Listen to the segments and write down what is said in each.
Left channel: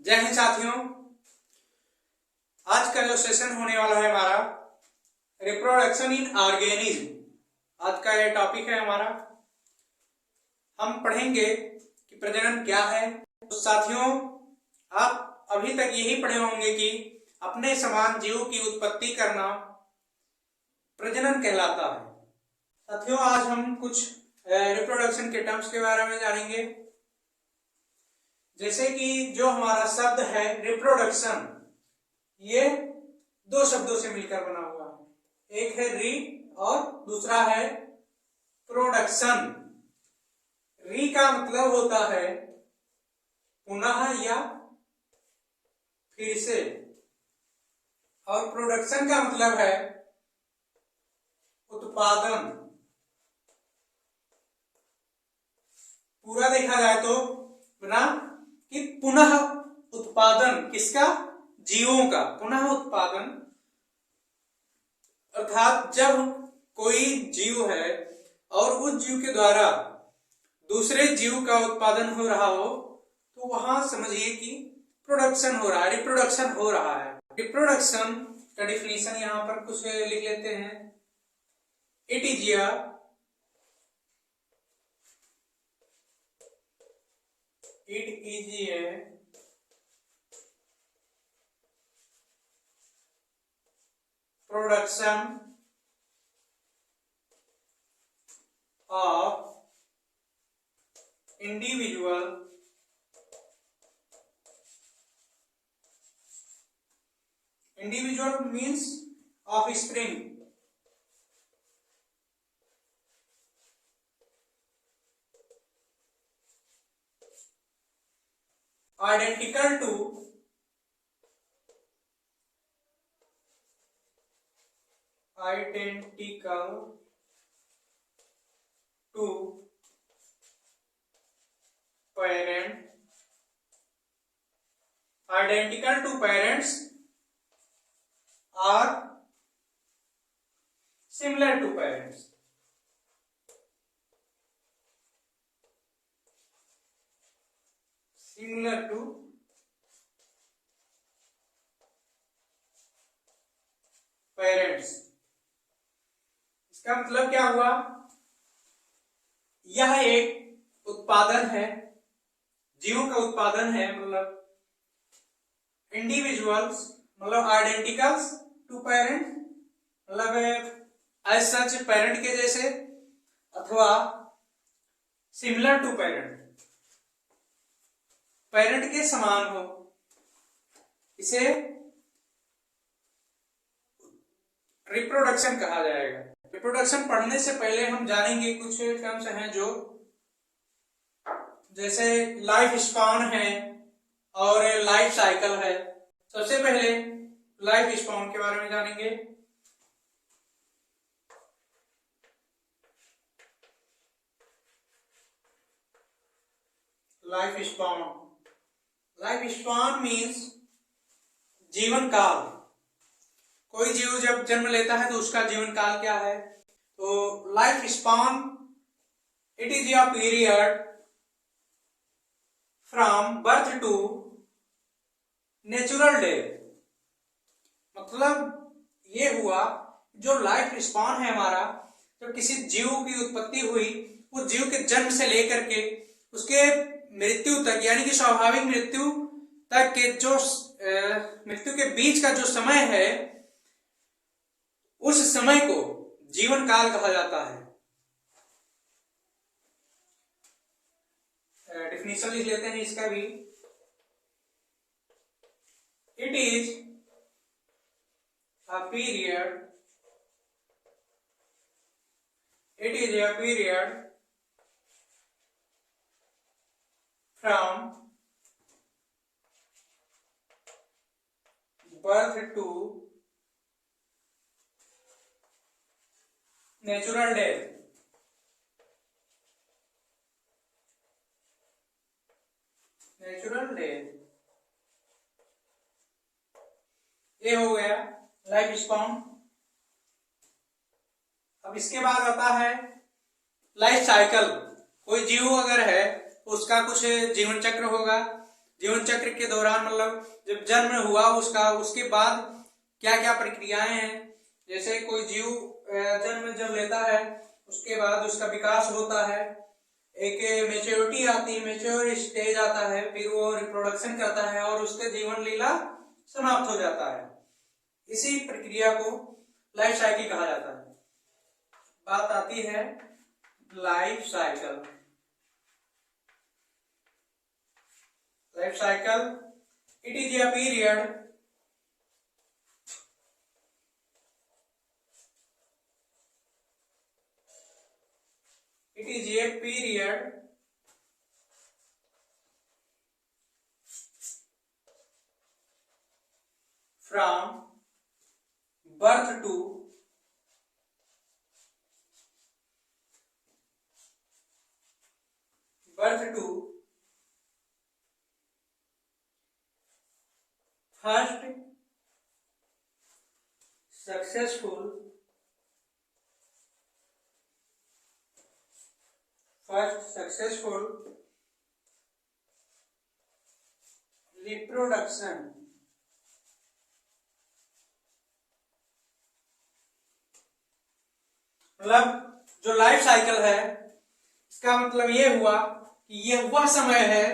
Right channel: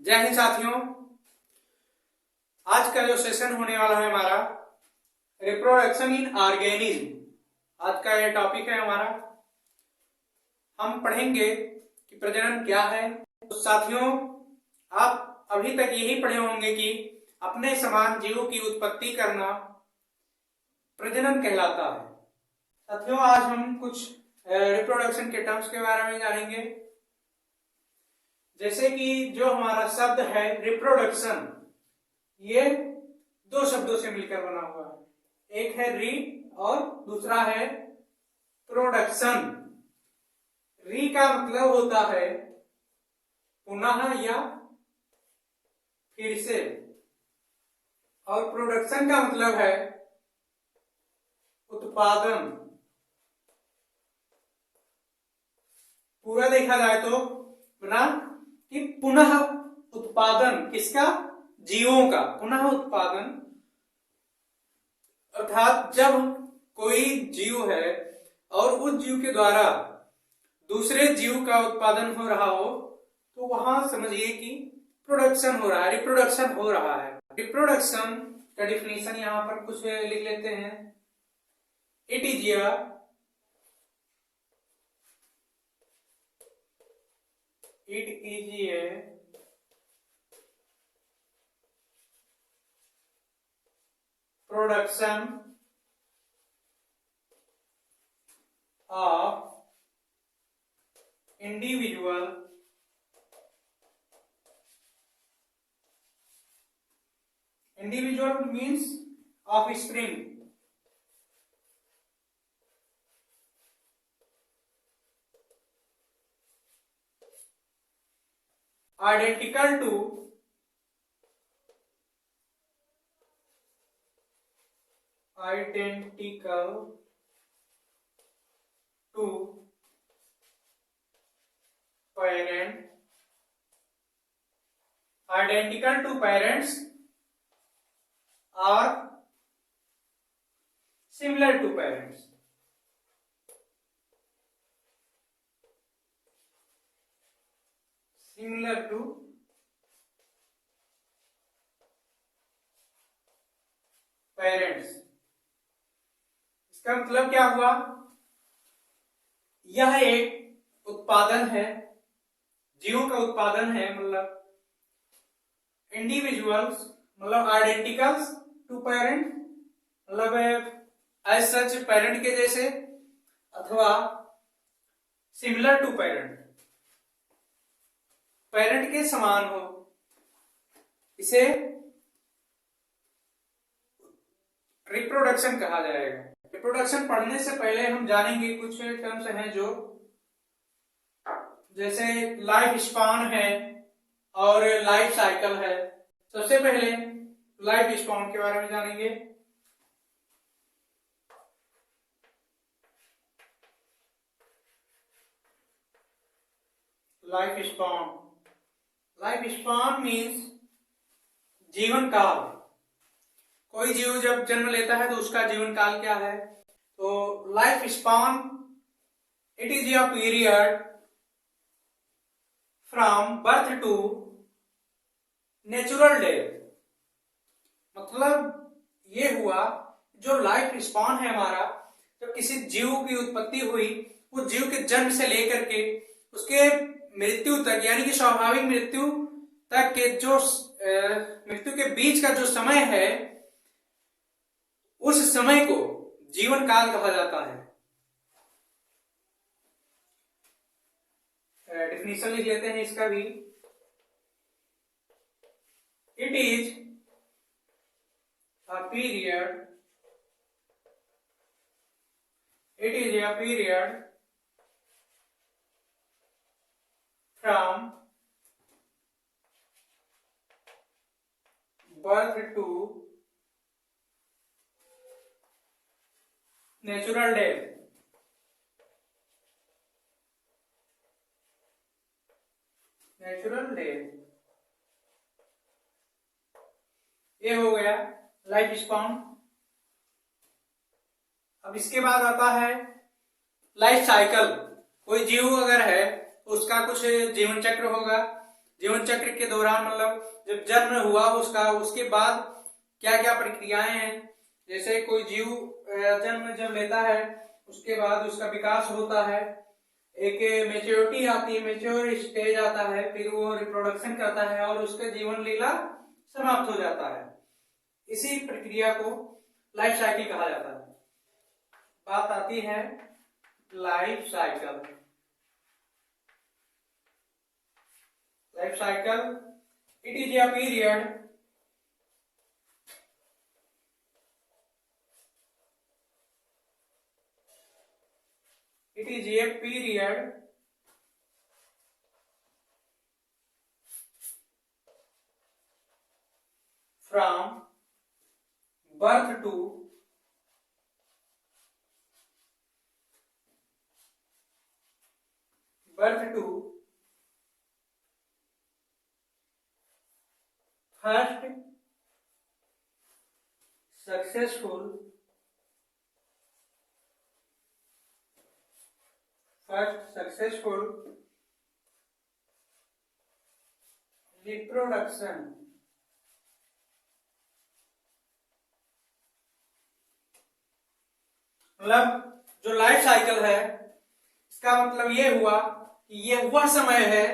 जय हिंद साथियों। आज का जो सेशन होने वाला है हमारा रिप्रोडक्शन इन ऑर्गेनिज्म। आज का ये टॉपिक है हमारा। हम पढ़ेंगे कि प्रजनन क्या है। तो साथियों, आप अभी तक यही पढ़े होंगे कि अपने समान जीवों की उत्पत्ति करना प्रजनन कहलाता है। साथियों, आज हम कुछ रिप्रोडक्शन के टर्म्स के बारे में जानेंगे। जैसे कि जो हमारा शब्द है रिप्रोडक्शन, ये दो शब्दों से मिलकर बना हुआ है। एक है री और दूसरा है प्रोडक्शन। री का मतलब होता है पुनः या फिर से, और प्रोडक्शन का मतलब है उत्पादन। पूरा देखा जाए तो ना कि पुनः उत्पादन किसका? जीवों का पुनः उत्पादन। अर्थात जब कोई जीव है और उस जीव के द्वारा दूसरे जीव का उत्पादन हो रहा हो तो वहां समझिए कि प्रोडक्शन हो रहा है, रिप्रोडक्शन हो रहा है। रिप्रोडक्शन का डिफिनीशन यहां पर कुछ लिख लेते हैं। It is a production of individual means offspring identical to parent, identical to parents or similar to parents। similar to parents। इसका मतलब क्या हुआ? यह एक उत्पादन है, जीवों का उत्पादन है। मतलब इंडिविजुअल्स मतलब आइडेंटिकल्स टू पेरेंट, मतलब एज सच पेरेंट के जैसे, अथवा सिमिलर टू पेरेंट, पेरेंट के समान हो, इसे रिप्रोडक्शन कहा जाएगा। रिप्रोडक्शन पढ़ने से पहले हम जानेंगे कुछ टर्म्स हैं जो, जैसे लाइफ स्पान है और लाइफ साइकिल है। सबसे पहले लाइफ स्पान के बारे में जानेंगे। लाइफ स्पान मीन्स जीवन काल। कोई जीव जब जन्म लेता है तो उसका जीवन काल क्या है? तो life span it is a period from birth to natural death. मतलब ये हुआ जो लाइफ स्पान है हमारा, जब किसी जीव की उत्पत्ति हुई, उस जीव के जन्म से लेकर के उसके मृत्यु तक, यानी कि स्वाभाविक मृत्यु तक के जो मृत्यु के बीच का जो समय है, उस समय को जीवन काल कहा जाता है। डिफिनीशन लिख लेते हैं इसका भी। It is a period from birth to natural death. ये हो गया लाइफ स्पान। अब इसके बाद आता है लाइफ साइकिल। कोई जीव अगर है उसका कुछ जीवन चक्र होगा, जीवन चक्र के दौरान मतलब जब जन्म हुआ उसका, उसके बाद क्या क्या प्रक्रियाएं हैं। जैसे कोई जीव जन्म जब लेता है उसके बाद उसका विकास होता है, एक मेच्योरिटी आती है, मेच्योर स्टेज आता है, फिर वो रिप्रोडक्शन करता है और उसके जीवन लीला समाप्त हो जाता है। इसी प्रक्रिया को लाइफ साइकिल कहा जाता है। बात आती है life cycle. Life cycle it is a period from birth to first successful reproduction मतलब जो लाइफ साइकिल है इसका मतलब ये हुआ कि ये वह समय है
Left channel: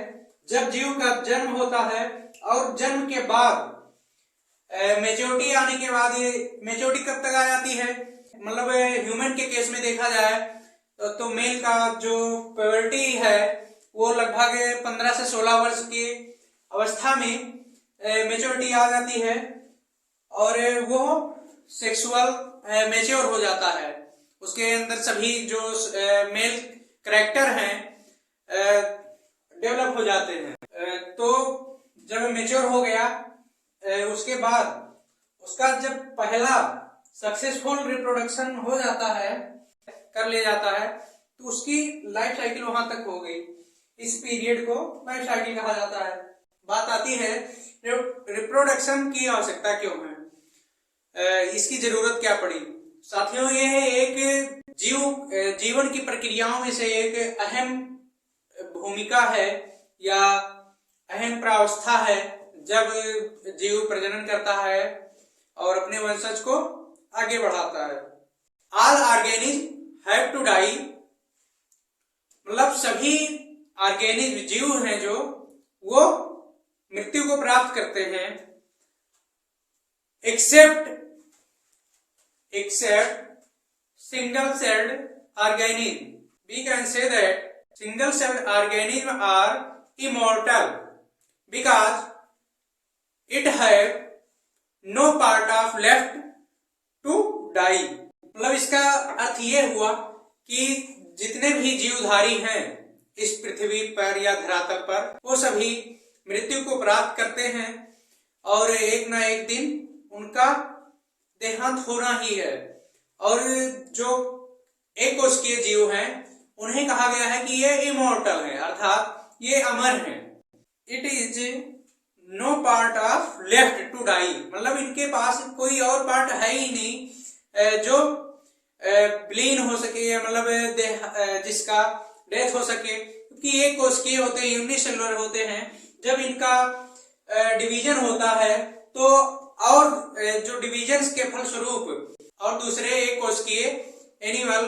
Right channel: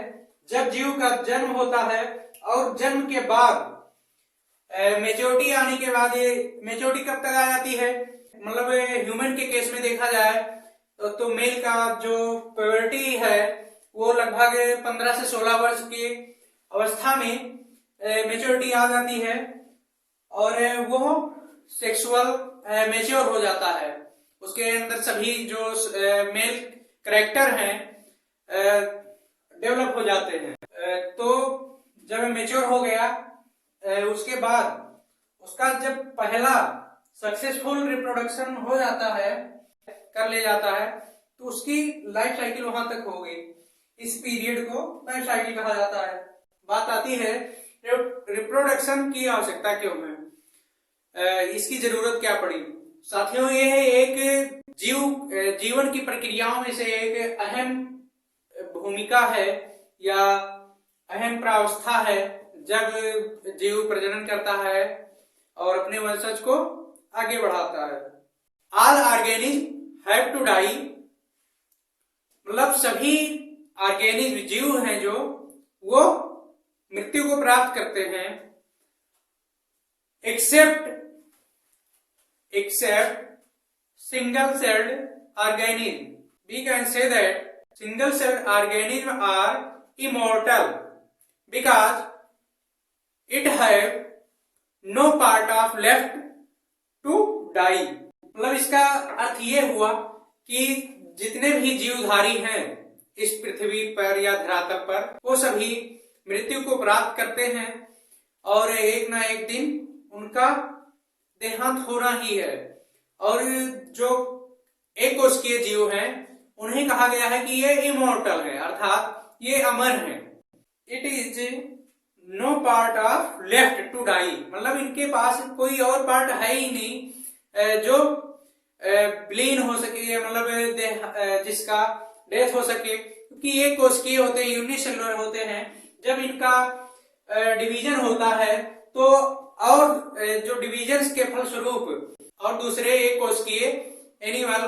जब जीव का जन्म होता है और जन्म के बाद मेच्योरिटी आने के बाद, ये मेच्योरिटी कब तक आ जाती है, मतलब ह्यूमन के केस में देखा जाए तो मेल का जो प्यूबर्टी है वो लगभग 15 से 16 वर्ष की अवस्था में मेच्योरिटी आ जाती है और वो सेक्सुअल मेच्योर हो जाता है। उसके अंदर सभी जो मेल कैरेक्टर हैं डेवलप हो जाते हैं। तो जब मेच्योर हो गया उसके बाद उसका जब पहला सक्सेसफुल रिप्रोडक्शन हो जाता है, कर ले जाता है, तो उसकी लाइफ साइकिल वहां तक हो गई। इस पीरियड को लाइफ साइकिल कहा जाता है। बात आती है रिप्रोडक्शन की आवश्यकता क्यों है, इसकी जरूरत क्या पड़ी। साथियों, ये एक जीवन की प्रक्रियाओं में से एक अहम भूमिका है या अहम प्रावस्था है जब जीव प्रजनन करता है और अपने वंशज को आगे बढ़ाता है। All organism have to die, मतलब सभी ऑर्गेनिज्म जीव हैं जो वो मृत्यु को प्राप्त करते हैं, accept single celled organism. We can say that single celled organisms are immortal because it have no part of left to die. मतलब इसका अर्थ ये हुआ कि जितने भी जीवधारी हैं इस पृथ्वी पर या धरातल पर वो सभी मृत्यु को प्राप्त करते हैं और एक ना एक दिन उनका देहांत होना ही है। और जो एक कोशिकीय जीव हैं उन्हें कहा गया है कि ये इमोर्टल है, अर्थात ये अमर है। It is no part of left to die, मतलब इनके पास कोई और पार्ट है ही नहीं जो विलीन हो सके, मतलब जिसका डेथ हो सके, क्योंकि ये कोशिकीय होते हैं, यूनिसेलुलर होते हैं। जब इनका डिवीजन होता है तो और जो डिवीजन के फलस्वरूप और दूसरे एक कोशिकीय एनिमल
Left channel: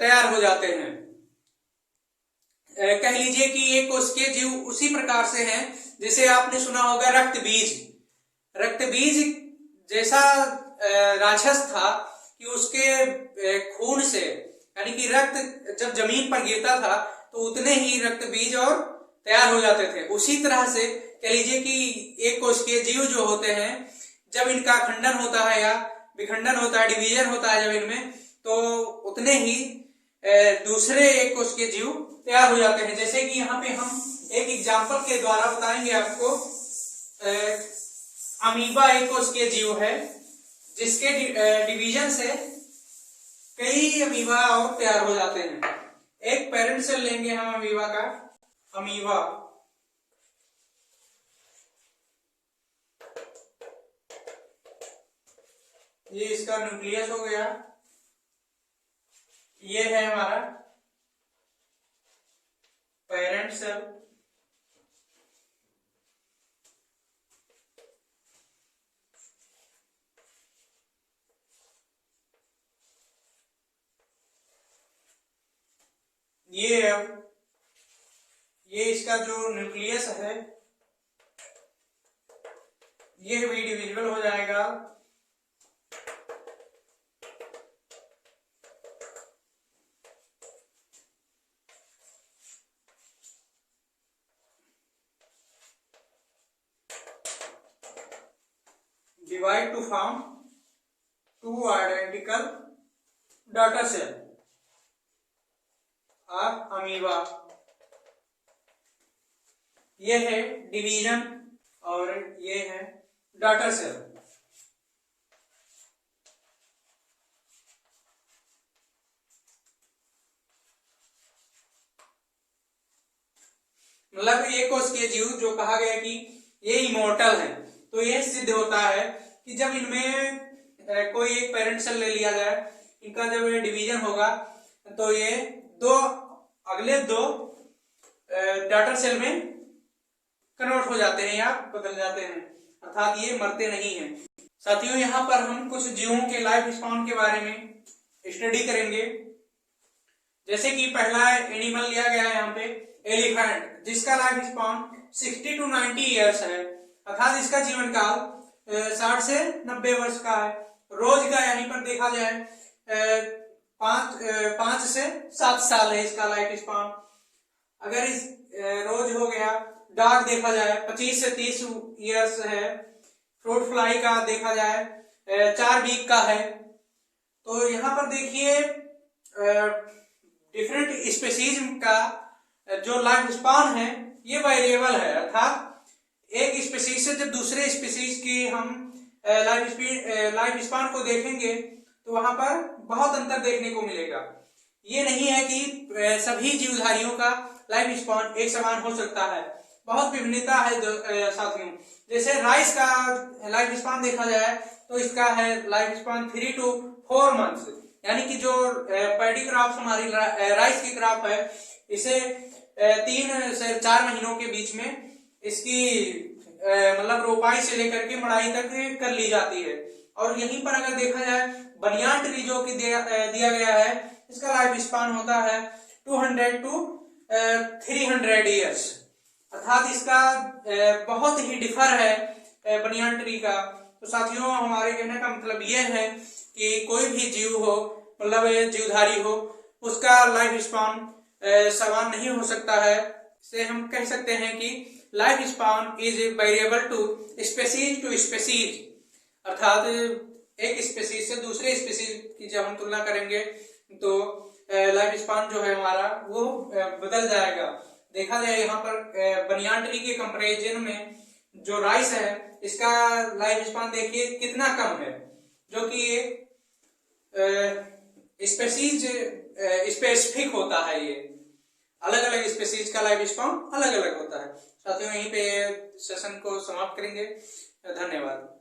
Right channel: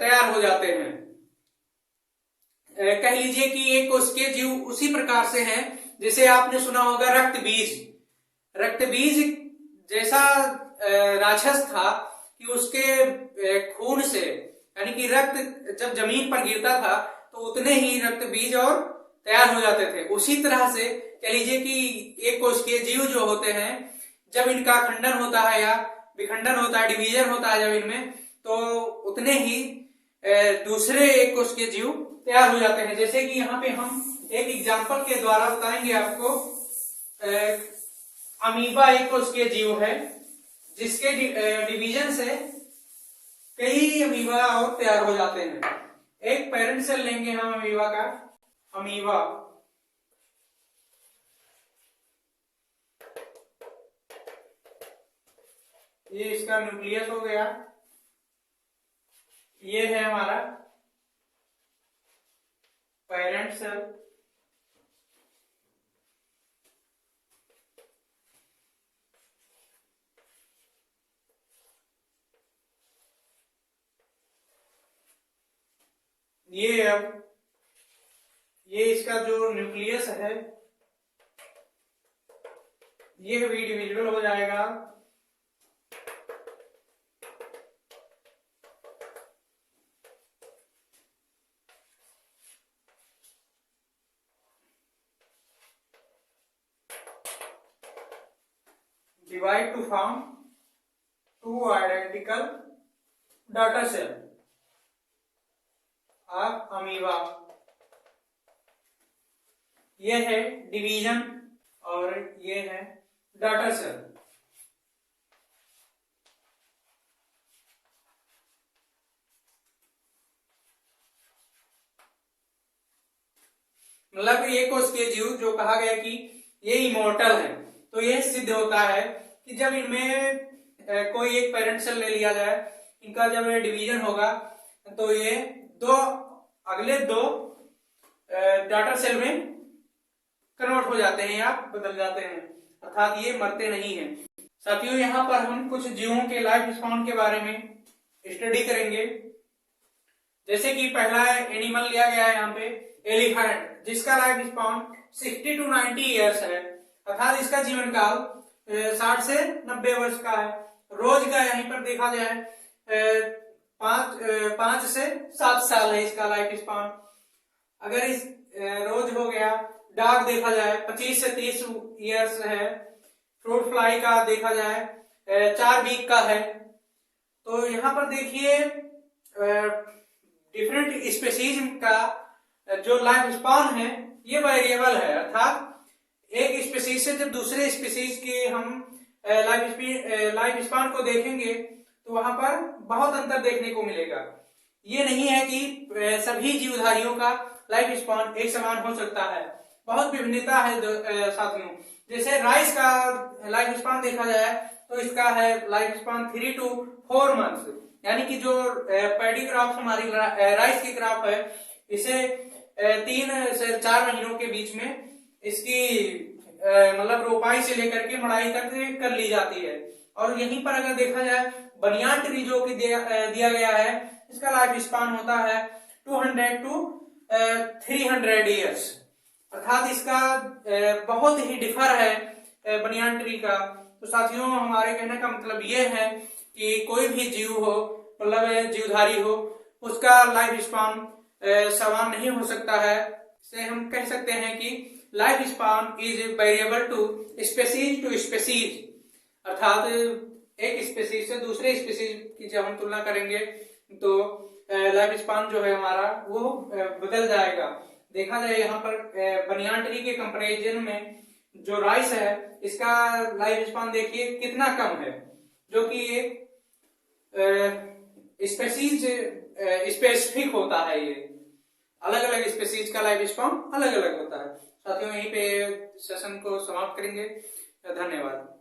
तैयार हो जाते हैं। कह लीजिए कि एक कोशिकीय जीव उसी प्रकार से हैं जैसे आपने सुना होगा रक्त बीज। रक्त बीज जैसा राक्षस था कि उसके खून से, यानी कि रक्त जब जमीन पर गिरता था तो उतने ही रक्त बीज और तैयार हो जाते थे। उसी तरह से कह लीजिए कि एक कोशिकीय जीव जो होते हैं जब इनका खंडन होता है या विखंडन होता है, डिवीजन होता है जब इनमें, तो उतने ही दूसरे एक कोशिकीय जीव तैयार हो जाते हैं। जैसे कि यहाँ पे हम एक एग्जांपल के द्वारा बताएंगे आपको। अमीबा एक कोशिकीय जीव है जिसके डिवीजन से कई अमीबा और तैयार हो जाते हैं। एक पेरेंट सेल लेंगे हम अमीबा का, अमीबा ये इसका न्यूक्लियस हो गया, ये है हमारा पेरेंट सेल। ये इसका जो न्यूक्लियस है ये भी डिविजिबल हो जाएगा divide to form two identical data cell or amoeba। ये है डिवीजन और ये है डाटा सेल। मतलब ये कोश के जीव जो कहा गया कि ये इमोर्टल है, तो ये सिद्ध होता है कि जब इनमें कोई एक पेरेंट सेल ले लिया जाए, इनका जब ये डिवीजन होगा तो ये अगले दो डाटा सेल में कन्वर्ट हो जाते हैं या बदल जाते हैं, अर्थात ये मरते नहीं हैं। साथियों, यहाँ पर हम कुछ जीवों के लाइफ स्पैन के बारे में स्टडी करेंगे। जैसे कि पहला एनिमल लिया गया है यहाँ पे एलिफेंट, जिसका लाइफ स्पैन 60 to 90 ईयर्स है, अर्थात इसका जीवन काल 60 से 90 वर्ष का है। रोज का यहीं पर देखा जाए 5 से 7 साल है इसका लाइफ स्पैन। अगर इस रोज हो गया, डॉग देखा जाए 25 से 30 ईयर्स है, फ्रूट फ्लाई का देखा जाए 4 वीक का है। तो यहाँ पर देखिए डिफरेंट स्पेसीज का जो लाइफ स्पैन है ये वेरिएबल है, अर्थात एक स्पेसीज से जब दूसरे स्पेसीज के हम लाइफ स्पैन को देखेंगे तो वहां पर बहुत अंतर देखने को मिलेगा। ये नहीं है कि सभी जीवधारियों का लाइफ स्पैन एक समान हो सकता है, बहुत विभिन्नता है साथियों। जैसे राइस का लाइफ स्पैन देखा जाए तो इसका है लाइफ स्पैन 3 to 4 मंथ्स, यानी कि जो पैडी क्रॉप हमारी राइस की क्रॉप है, इसे 3 से 4 महीनों के बीच में इसकी मतलब रोपाई से लेकर के मड़ाई तक कर ली जाती है। और यहीं पर अगर देखा जाए बनियान ट्री जो कि दिया गया है, इसका लाइफ स्पैन होता है 200 to 300 ईयर्स, अर्थात इसका बहुत ही डिफर है बनियान ट्री का। तो साथियों, हमारे कहने का मतलब ये है कि कोई भी जीव हो, मतलब जीवधारी हो, उसका लाइफ स्पैन समान नहीं हो सकता है। इसे हम कह सकते हैं कि life span is variable to species, अर्थात एक स्पेसीज से दूसरे स्पेसीज की जब हम तुलना करेंगे तो लाइफ स्पैन जो है हमारा वो बदल जाएगा। देखा जाए यहाँ पर बनियान ट्री के कंपैरिजन में जो राइस है इसका लाइफ स्पैन देखिए कितना कम है, जो कि एक स्पेसीज स्पेसिफिक होता है। ये अलग अलग स्पेसीज का लाइफ स्पैन अलग अलग होता है। साथियों, यहीं पे सेशन को समाप्त करेंगे। धन्यवाद।